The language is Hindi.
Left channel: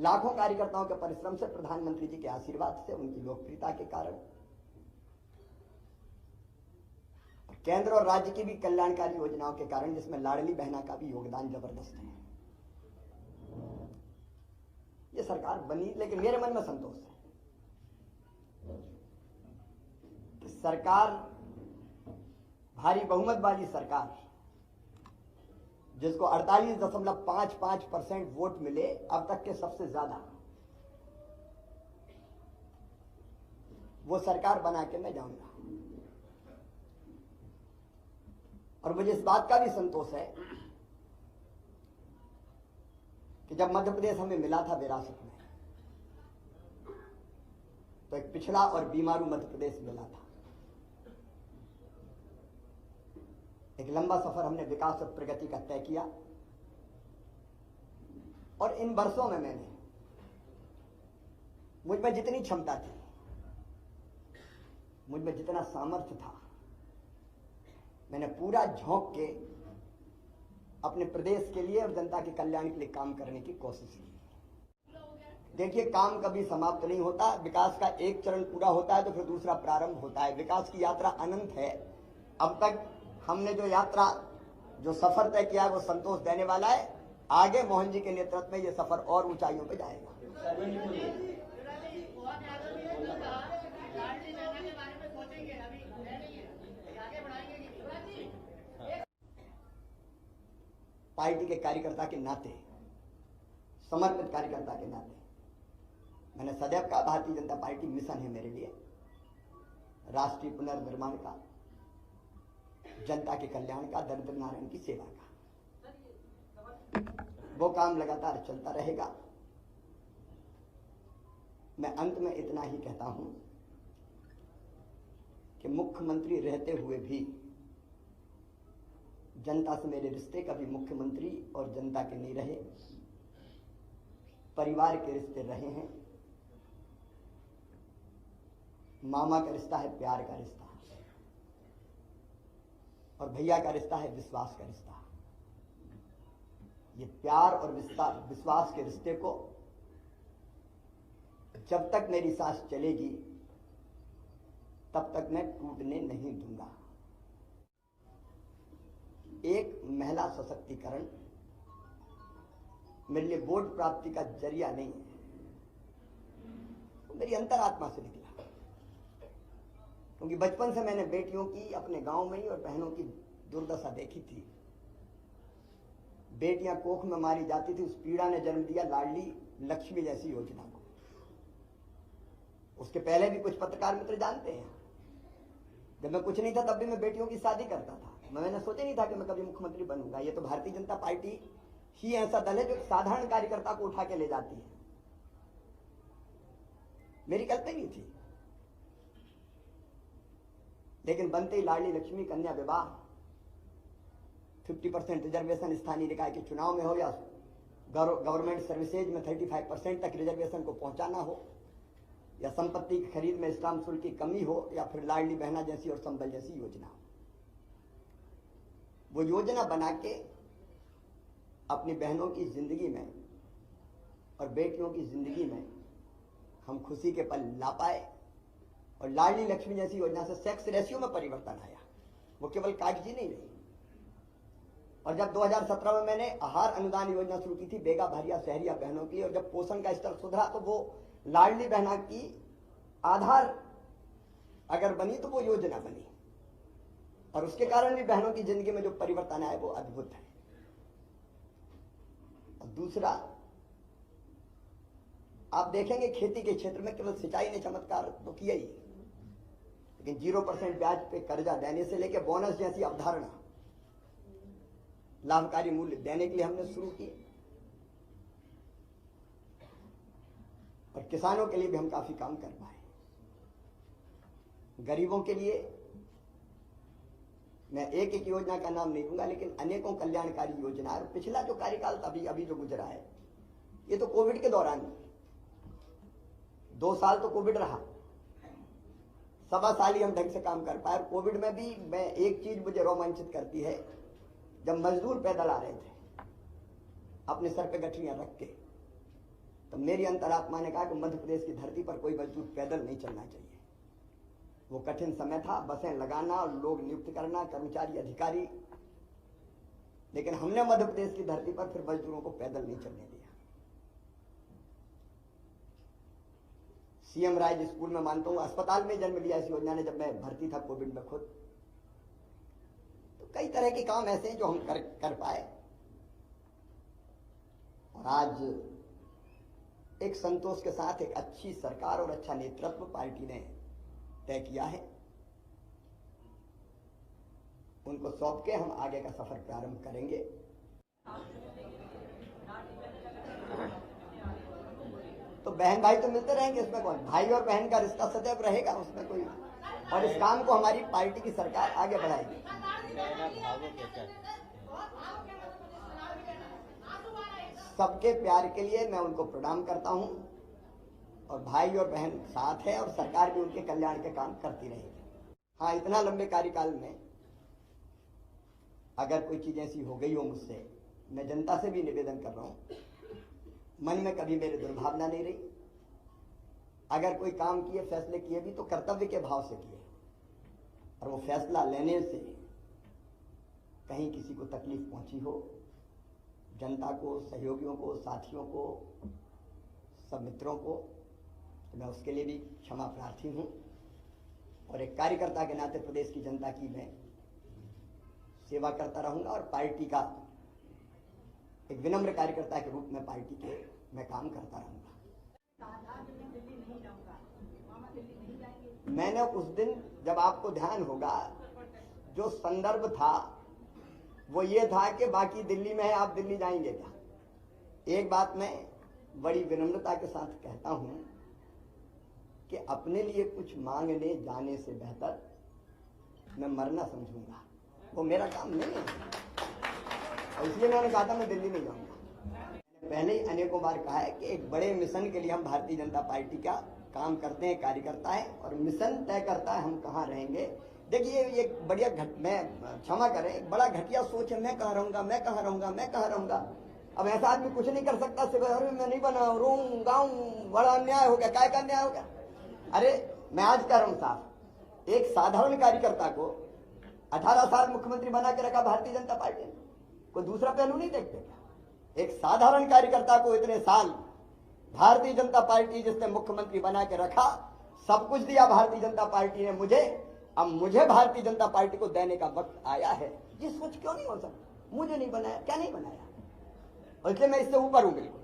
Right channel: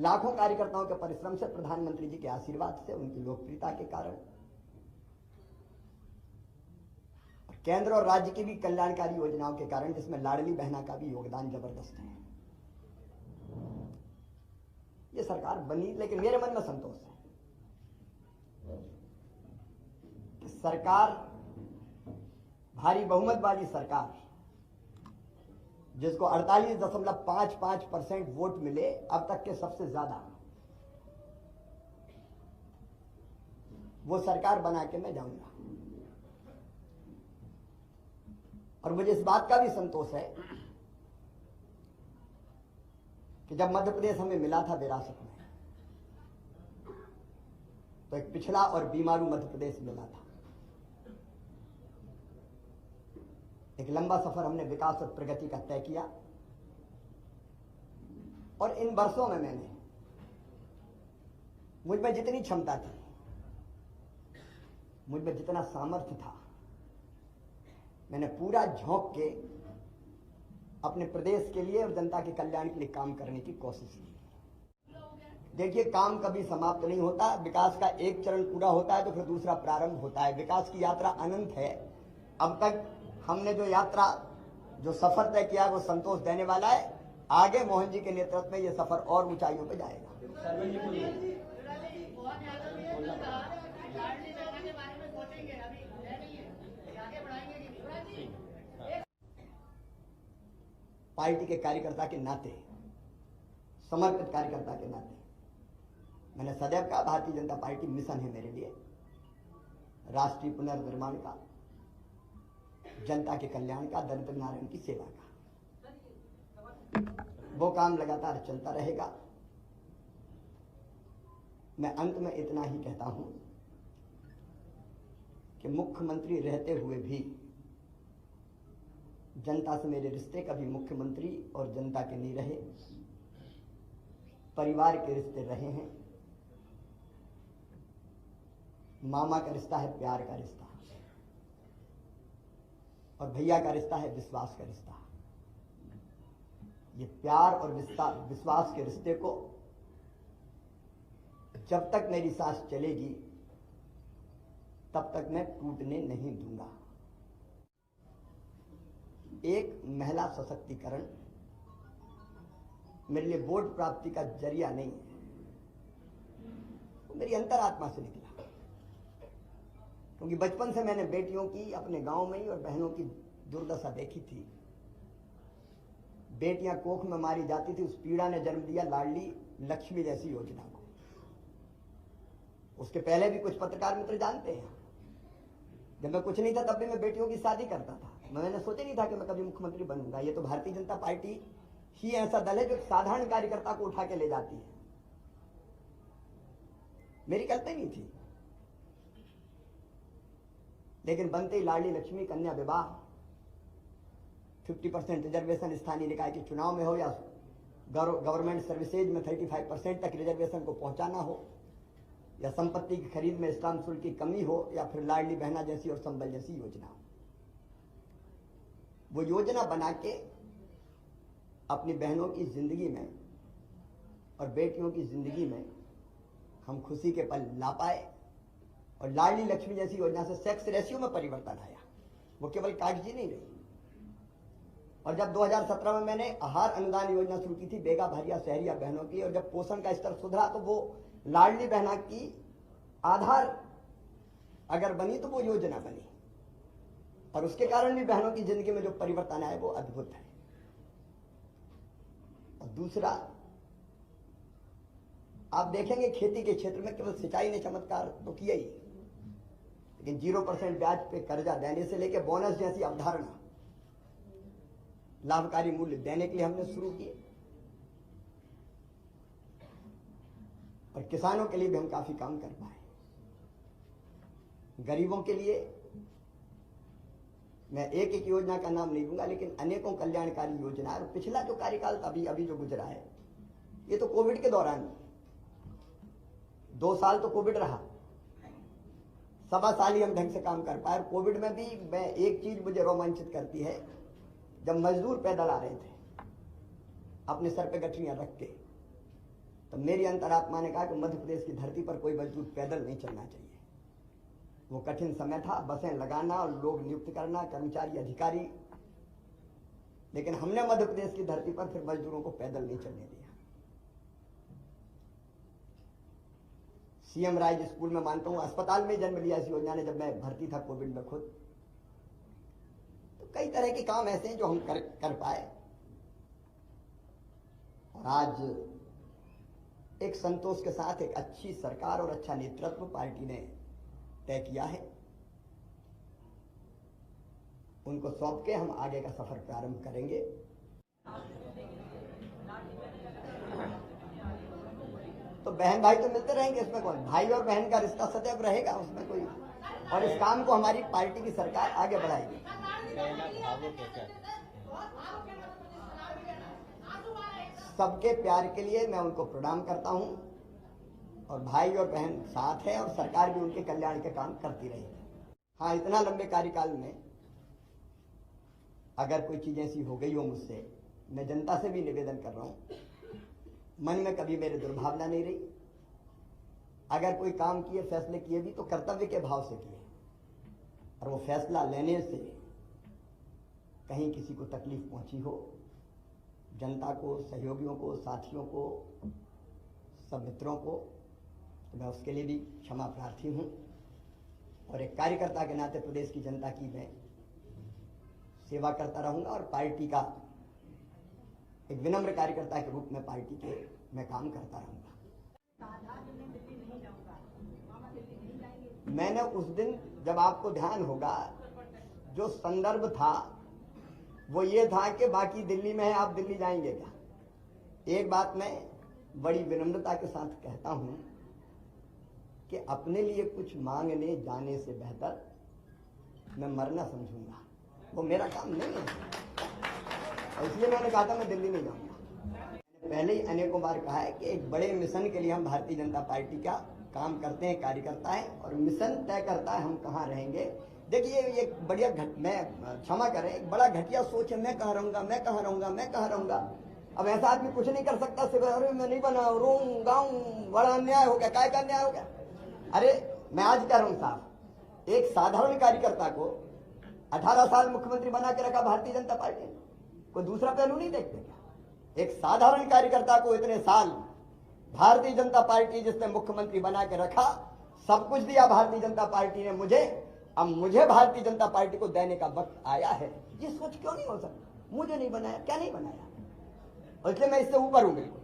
लाखों कार्यकर्ताओं के परिश्रम से, प्रधानमंत्री जी के आशीर्वाद से, उनकी लोकप्रियता के कारण, केंद्र और राज्य की भी कल्याणकारी योजनाओं के कारण, जिसमें लाडली बहना का भी योगदान जबरदस्त है, ये सरकार बनी। लेकिन मेरे मन में संतोष है कि सरकार, भारी बहुमत वाली सरकार, जिसको 48.55% वोट मिले, अब तक के सबसे ज्यादा, वो सरकार बना के मैं जाऊंगा। और मुझे इस बात का भी संतोष है कि जब मध्य प्रदेश हमें मिला था विरासत में, तो एक पिछड़ा और बीमारू मध्य प्रदेश मिला था। एक लंबा सफर हमने विकास और प्रगति का तय किया, और इन वर्षों में मैंने, मुझ में जितनी क्षमता थी, मुझ में जितना सामर्थ्य था, मैंने पूरा झोंक के अपने प्रदेश के लिए और जनता के कल्याण के लिए काम करने की कोशिश की। देखिए, काम कभी समाप्त नहीं होता। विकास का एक चरण पूरा होता है तो फिर दूसरा प्रारंभ होता है। विकास की यात्रा अनंत है। अब तक हमने जो यात्रा, जो सफर तय किया है, वो संतोष देने वाला है। आगे मोहन जी के नेतृत्व में ये सफर और ऊंचाइयों पे जाएगा। पार्टी के कार्यकर्ता के नाते, समर्पित कार्यकर्ता के नाते, मैंने सदैव कहा, भारतीय जनता पार्टी मिशन है मेरे लिए, राष्ट्रीय पुनर्निर्माण का, जनता के कल्याण का, दरिद्र नारायण की सेवा का। वो काम लगातार चलता रहेगा। मैं अंत में इतना ही कहता हूं कि मुख्यमंत्री रहते हुए भी जनता से मेरे रिश्ते कभी मुख्यमंत्री और जनता के नहीं रहे, परिवार के रिश्ते रहे हैं। मामा का रिश्ता है प्यार का रिश्ता, और भैया का रिश्ता है विश्वास का रिश्ता। ये प्यार और विश्वास के रिश्ते को जब तक मेरी सांस चलेगी तब तक मैं टूटने नहीं दूंगा। एक महिला सशक्तिकरण मेरे लिए वोट प्राप्ति का जरिया नहीं है, तो मेरी अंतरात्मा से निकला। क्योंकि बचपन से मैंने बेटियों की अपने गांव में ही और बहनों की दुर्दशा देखी थी। बेटियां कोख में मारी जाती थी। उस पीड़ा ने जन्म दिया लाडली लक्ष्मी जैसी योजना को। उसके पहले भी कुछ पत्रकार मित्र जानते हैं, जब मैं कुछ नहीं था तब भी मैं बेटियों की शादी करता था। मैंने सोचा नहीं था कि मैं कभी मुख्यमंत्री बनूंगा। ये तो भारतीय जनता पार्टी ही ऐसा दल है जो साधारण कार्यकर्ता को उठा के ले जाती है। मेरी कल्पना नहीं थी, लेकिन बनते ही लाडली लक्ष्मी कन्या विवाह, 50% रिजर्वेशन स्थानीय निकाय के चुनाव में हो या गवर्नमेंट सर्विसेज में 35% तक रिजर्वेशन को पहुंचाना हो, या संपत्ति की खरीद में स्टाम्प शुल्क की कमी हो, या फिर लाडली बहना जैसी और संबल जैसी योजना हो। वो योजना बना के अपनी बहनों की जिंदगी में और बेटियों की जिंदगी में हम खुशी के पल ला पाए। और लाडली लक्ष्मी जैसी योजना से सेक्स रेशियो में परिवर्तन आया, वो केवल कागजी नहीं रही। और जब 2017 में मैंने आहार अनुदान योजना शुरू की थी बेगा भारिया शहरिया बहनों की, और जब पोषण का स्तर सुधरा तो वो लाडली बहना की आधार अगर बनी तो वो योजना बनी, और उसके कारण भी बहनों की जिंदगी में जो परिवर्तन आया वो अद्भुत है। और दूसरा, आप देखेंगे खेती के क्षेत्र में केवल सिंचाई ने चमत्कार तो किया ही, लेकिन 0% ब्याज पे कर्जा देने से लेकर बोनस जैसी अवधारणा, लाभकारी मूल्य देने के लिए हमने शुरू किए। और किसानों के लिए भी हम काफी काम कर पाए। गरीबों के लिए मैं एक एक योजना का नाम नहीं दूंगा, लेकिन अनेकों कल्याणकारी योजना है। पिछला जो कार्यकाल अभी जो गुजरा है, ये तो कोविड के दौरान 2 साल तो कोविड रहा, 1.25 साल ही हम ढंग से काम कर पाए। और कोविड में भी मैं एक चीज मुझे रोमांचित करती है, जब मजदूर पैदल आ रहे थे अपने सर पे गठरियां रख के, तो मेरी अंतरात्मा ने कहा कि मध्य प्रदेश की धरती पर कोई मजदूर पैदल नहीं चलना चाहिए। वो कठिन समय था, बसें लगाना और लोग नियुक्त करना, कर्मचारी अधिकारी, लेकिन हमने मध्य प्रदेश की धरती पर फिर मजदूरों को पैदल नहीं चलने दिया। सीएम राइज स्कूल में मानता हूं अस्पताल में जन्म लिया इस योजना ने, जब मैं भर्ती था कोविड में खुद। तो कई तरह के काम ऐसे हैं जो हम कर पाए, और आज एक संतोष के साथ एक अच्छी सरकार और अच्छा नेतृत्व पार्टी ने तय किया है। उनको सौंप के हम आगे का सफर प्रारंभ करेंगे। तो बहन भाई तो मिलते रहेंगे, इसमें कौन, भाई और बहन का रिश्ता सदैव रहेगा, उसमें कोई, और इस काम को हमारी पार्टी की सरकार आगे बढ़ाएगी। सबके प्यार के लिए मैं उनको प्रणाम करता हूं, और भाई और बहन साथ है, और सरकार भी उनके कल्याण के काम करती रहेगी। हाँ, इतना लंबे कार्यकाल में अगर कोई चीज ऐसी हो गई हो मुझसे, मैं जनता से भी निवेदन कर रहा हूं, मन में कभी मेरे दुर्भावना नहीं रही। अगर कोई काम किए, फैसले किए भी तो कर्तव्य के भाव से किए, और वो फैसला लेने से कहीं किसी को तकलीफ पहुंची हो, जनता को, सहयोगियों को, साथियों को, सब मित्रों को, तो मैं उसके लिए भी क्षमा प्रार्थी हूं। और एक कार्यकर्ता के नाते प्रदेश की जनता की मैं सेवा करता रहूंगा, और पार्टी का एक विनम्र कार्यकर्ता के रूप में पार्टी के मैं काम करता रहूंगा। मैंने उस दिन, जब आपको ध्यान होगा, जो संदर्भ था वो ये था कि बाकी दिल्ली में है, आप दिल्ली जाएंगे क्या। एक बात मैं बड़ी विनम्रता के साथ कहता हूं कि अपने लिए कुछ मांगने जाने से बेहतर मैं मरना समझूंगा, वो मेरा काम नहीं है, और इसलिए मैंने कहा था मैं दिल्ली नहीं जाऊंगा। पहले ही अनेकों बार कहा है कि एक बड़े मिशन के लिए हम भारतीय जनता पार्टी का काम करते हैं, कार्यकर्ता है, और मिशन तय करता है हम कहाँ रहेंगे। देखिए, ये बढ़िया मैं क्षमा करें, एक बड़ा घटिया सोच है, मैं कहाँ रहूंगा, मैं कहाँ रहूंगा, मैं कहाँ रहूंगा। अब ऐसा आदमी कुछ नहीं कर सकता, सिर्फ अरे मैं नहीं बना, रोऊं गाऊं, बड़ा अन्याय हो गया, काय का अन्याय हो गया। अरे मैं आज कह रहा हूं साहब, एक साधारण कार्यकर्ता को 18 साल मुख्यमंत्री बना के रखा भारतीय जनता पार्टी ने, कोई दूसरा पहलू नहीं देखते क्या। एक साधारण कार्यकर्ता को इतने साल भारतीय जनता पार्टी जिसने मुख्यमंत्री बना के रखा, सब कुछ दिया भारतीय जनता पार्टी ने मुझे, अब मुझे भारतीय जनता पार्टी को देने का वक्त आया है। ये सोच क्यों नहीं हो सकता, मुझे नहीं बनाया, क्या नहीं बनाया, और इसलिए मैं इससे ऊपर हूं बिल्कुल।